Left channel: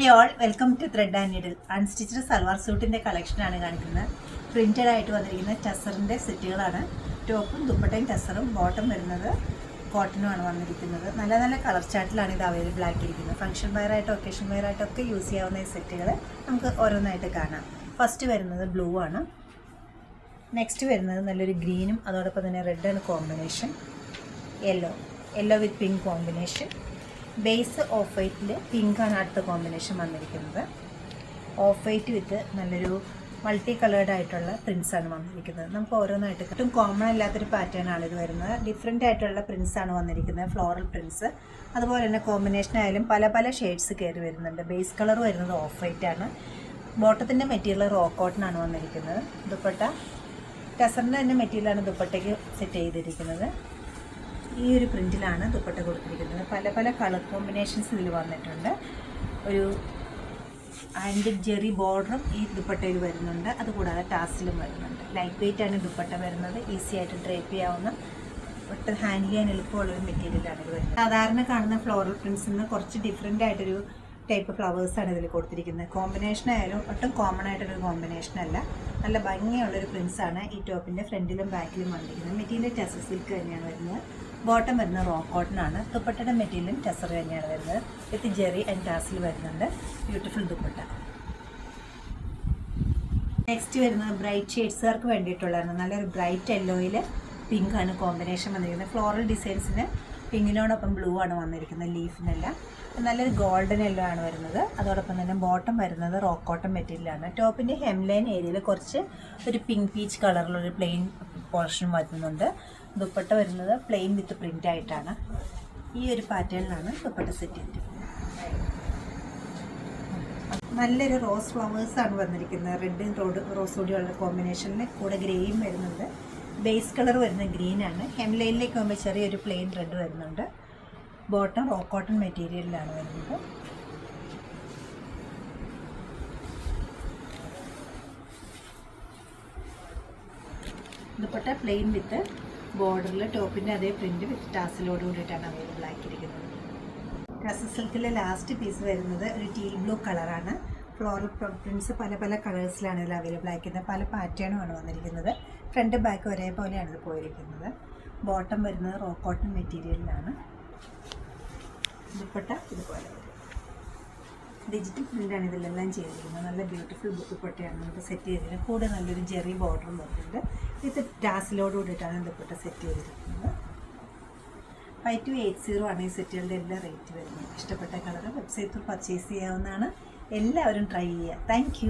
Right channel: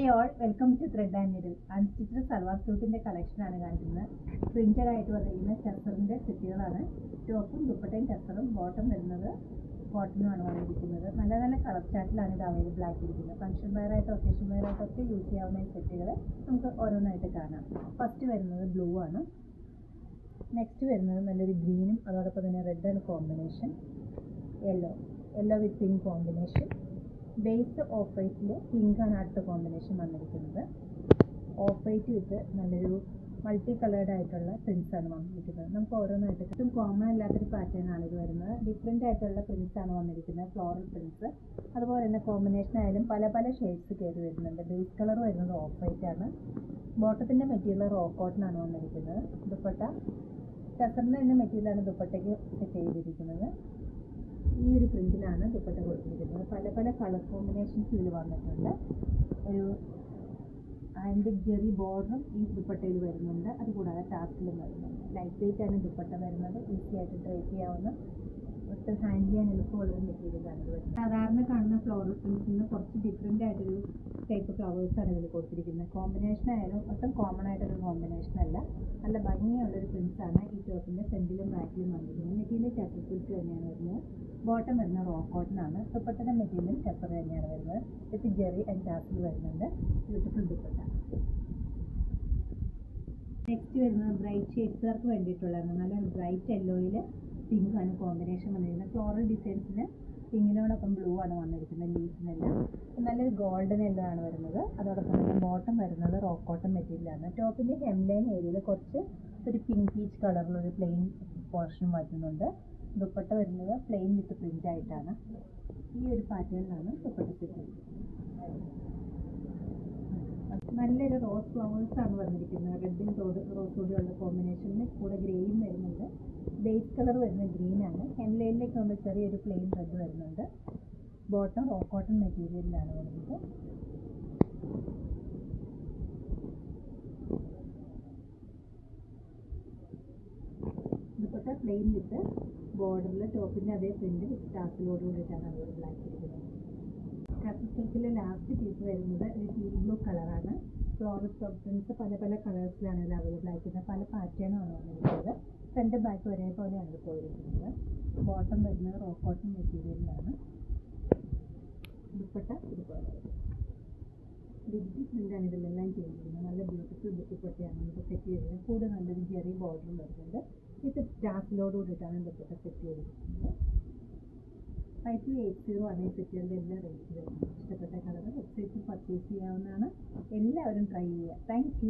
Hi all, welcome to thread and needle. Unstitched salwar സൂട്ടിൻ്റെ കളക്ഷനാണ് കാണിക്കുന്നത്. പ്രിൻറ്റഡ് ആയിട്ട് വന്നിരിക്കുന്ന ടസറിൻ്റെ സെറ്റുകളാണ്. ടോപ്പും ദുപ്പട്ടയും ടസറും, ബോട്ടം വരുന്നത് കോട്ടനുമാണ് വന്നിരിക്കുന്നത്. നല്ല നല്ല കളർ ചാർട്ടിലാണ് ഇത് അവൈലബിൾ ആക്കിയിരിക്കുന്നത്. ഫംഗ്ഷൻ വെയറായിട്ടോ ഒക്കേഷൻ വെയറായിട്ടോ ഒക്കെ യൂസ് ചെയ്യാവുന്ന ഈ സെറ്റുകൾ നമുക്ക് ഓരോന്നായിട്ട് കാണാം. ഫസ്റ്റ് വരുന്നത് ബ്ലൂ ആണ്. നെക്സ്റ്റ് വരുന്നത് നല്ലൊരു ഗ്രീനും അതോടൊപ്പം തന്നെ റെഡാണ് combination. Yellow with pink combination. Base off വൈറ്റിൽ പിങ്കാണ് അടുത്ത കോമ്പിനേഷൻ വന്നിരിക്കുന്നത്. ഓഫ് വൈറ്റ് വിത്ത് നല്ലൊരു മൾട്ടി കളേർഡ് ആയിട്ടുള്ള പ്രിൻസാണ് വന്നിരിക്കുന്നത്. നമുക്ക് ഓരോന്നായിട്ട് ഒട്ടും കോമൺ അല്ലാത്തൊരു പാറ്റേൺ ആണ് ഇത് വരുന്നത്. ഡിഫറെൻ്റ് ആയിട്ടുള്ള പ്രിൻസാണ് വന്നിരിക്കുന്നത്, ഫ്ലോറൽ പ്രിൻസ്. അതുപോലെ തന്നെ കോമ്പിനേഷൻ ആയാലും പല പല ഷെയ്ഡ്സ് കയറി വരുന്നുണ്ട്. ബേസ് കളർ വരുന്നത് ഓഫ് വൈറ്റ് ആണ്. ബോട്ടത്തിൻ്റെ മെറ്റീരിയൽ റോ കോട്ടൺ ആണ് വന്നിരിക്കുന്നത്. ദുപ്പട്ട ടസറിൻ്റെ തന്നെ മെറ്റീരിയലാണ് ദുപ്പട്ടയ്ക്ക് സെറ്റ് ചെയ്തിരിക്കുന്നത്. ഈ ഒരു പ്രിൻറ്റിലാണ് ദുപ്പട്ട കൊടുത്തിരിക്കുന്നത്. പല പല കളർ കോമ്പിനേഷൻസ് ഇതിൽ വന്നിട്ടുണ്ട്. ഒരു ആൻറ്റിക് ജെറി ബോർഡറും ഈ ദുപ്പട്ടയിൽ വരുന്നുണ്ട്. അതുകൂടാതെ ടാസിലും വരുന്നുണ്ട്. ലൈറ്റ് വെയിറ്റ് ആണ് ദുപ്പട്ട വരുന്നത്. ഈസി ആയിട്ട് ഡ്രേപ്പ് ചെയ്യാവുന്ന, ഒട്ടും ഹാൻഡിൽ ചെയ്യാൻ എളുപ്പമുള്ളൊരു മെറ്റീരിയലാണ് ഇത് വരുന്നത്. സാധാരണ കാണുന്ന ഫ്ലോറൽ പ്രിൻസിൽ നിന്ന് കുറച്ച് ഡിഫറെൻ്റ് ആയിട്ടൊരു ടൈപ്പ് ഫ്ലവേഴ്സാണ് ഇതിൽ കൊടുത്തിരിക്കുന്നത്. കോമ്പിനേഷൻ ആയാലും ഒട്ടും കോമൺ ആയിട്ടൊരു കോമ്പിനേഷൻ അല്ല. നല്ല ഭംഗിയുള്ളൊരു പ്രിൻസാണ് ഈ ടോപ്പിൻ്റെ ഫ്രണ്ടിലും ബാക്കിലും വന്നിരിക്കുന്നത്. മെറ്റീരിയൽ ടസർ സിൽക്ക് തന്നെയാണ് വരുന്നത്. ബോട്ടം വരുന്നത് റോ കോട്ടൺ ആണ്. ദുപ്പട്ടയുടെ മെറ്റീരിയലും ടസർ തന്നെയാണ് വരുന്നത്. വിത്ത് ജെറി ആൻഡ് ടാസിൽ വരുന്നുണ്ട്. ബ്യൂട്ടിഫുൾ ദുപ്പട്ട. നെക്സ്റ്റ് വരുന്നത് ബ്രൈറ്റ് ഷെയ്ഡ്സുകാർക്ക് വേണ്ടിയിട്ടുള്ളതാണ്. നല്ലൊരു ബ്രൈറ്റ് യെല്ലോയിൽ പിങ്ക് ആണ് കോമ്പിനേഷൻ വന്നിരിക്കുന്നത്. ഫ്ലോറൽ ഡിസൈൻസിന് പിങ്കിനോടൊപ്പം ബ്ലൂ ആണ് വന്നിരിക്കുന്നത്. ലീഫിനെല്ലാം നല്ലൊരു ഗോൾഡൻ യെല്ലോ ആണ് വരുന്നത്. അതോടൊപ്പം തന്നെ ബോട്ടം വരുന്നത് റോ കോട്ടൺ മെറ്റീരിയലാണ്. ടോപ്പിൻ്റെ ഹെംലൈൻ ഏരിയയിൽ കുറച്ച് ഒരു പിങ്ക് പീച്ച് കളറിലൊരു പ്ലെയിൻ പോർഷൻ വരുന്നുണ്ട്. ദുപ്പട്ട വരുന്നത് പ്ലെയിൻ വിത്ത് പ്രിൻ്റ് ആയിട്ടാണ്. ഈ ഒരു പാറ്റേണിലാണ് ദുപ്പട്ട സെറ്റ് ചെയ്തിരിക്കുന്നത്. നല്ലൊരു റോസ് ഫ്ലവേഴ്സാണ് വന്നിരിക്കുന്നത്. റെഡും റോസ് കൂടിയുള്ള കോമ്പിനേഷനിൽ കൂടെ ഗ്രേയും വരുന്നുണ്ട്. ബേസ് കളർ വരുന്നത് ഗ്രീനാണ്. ഹെംലൈനിലേക്ക് പോകുമ്പോൾ ചെറിയൊരു പ്ലെയിൻ റെഡ് വരുന്നുണ്ട്. ബോട്ടം റോ കോട്ടൺ മെറ്റീരിയലിലാണ് വരുന്നത്. ദുപ്പട്ട പ്ലെയിൻ വിത്ത് ബോർഡറിൽ ടോപ്പിൻ്റെ അതേ പ്രിൻറ്റ് വിത്ത് ടാസിലോട് കൂടിയിട്ടാണ് അവൈലബിൾ ആക്കിയിരിക്കുന്നത്. ടസർ സിൽക്കിലെ ലാസ്റ്റ് പീസ് വരുന്നത് ഒരു ടീൽ ബ്ലൂ കളറാണ്. ഫ്ലോറൽ പ്രിൻറ്റ്സ് പല പല കളേഴ്സിലാണ് ഇതിൽ അവൈലബിൾ ആയിരിക്കുന്നത്. പല പാറ്റേണുമാണ് വന്നിരിക്കുന്നത്. ഫ്രണ്ട് ബാക്ക് ഒരേപോലെയാണ് ഇത് പോയിരിക്കുന്നത്. ബോട്ടം വരുന്നത് റോ കോട്ടൺ മെറ്റീരിയലിലാണ്. ദുപ്പട്ട ഇതുപോലെ വരും. ഡിജിറ്റൽ പ്രിൻ്റാണ് ഇതിലെല്ലാം ചെയ്തിരിക്കുന്നത്. നല്ല ബ്യൂട്ടിഫുൾ ദുപ്പട്ടയാണ് നമുക്ക് സെറ്റ് ചെയ്തിരിക്കുന്നത്. കൂടെ നല്ലൊരു ജെറി ബോർഡറും വരുന്നുണ്ട്. വിത്ത് ടാസിലോട് കൂടിയിട്ടാണ് ദുപ്പട്ട സെറ്റ് ചെയ്തിരിക്കുന്നത്. 5280 ആണ് ഈ സെറ്റുകളുടെ എല്ലാ റേറ്റ് വരുന്നത്. ഇഷ്ടപ്പെട്ട കളർ വെബ്സൈറ്റിൽ പർച്ചേസ് ചെയ്യാവുന്നതാണ്. എല്ലാവരും ട്രൈ ചെയ്യുക. താങ്ക്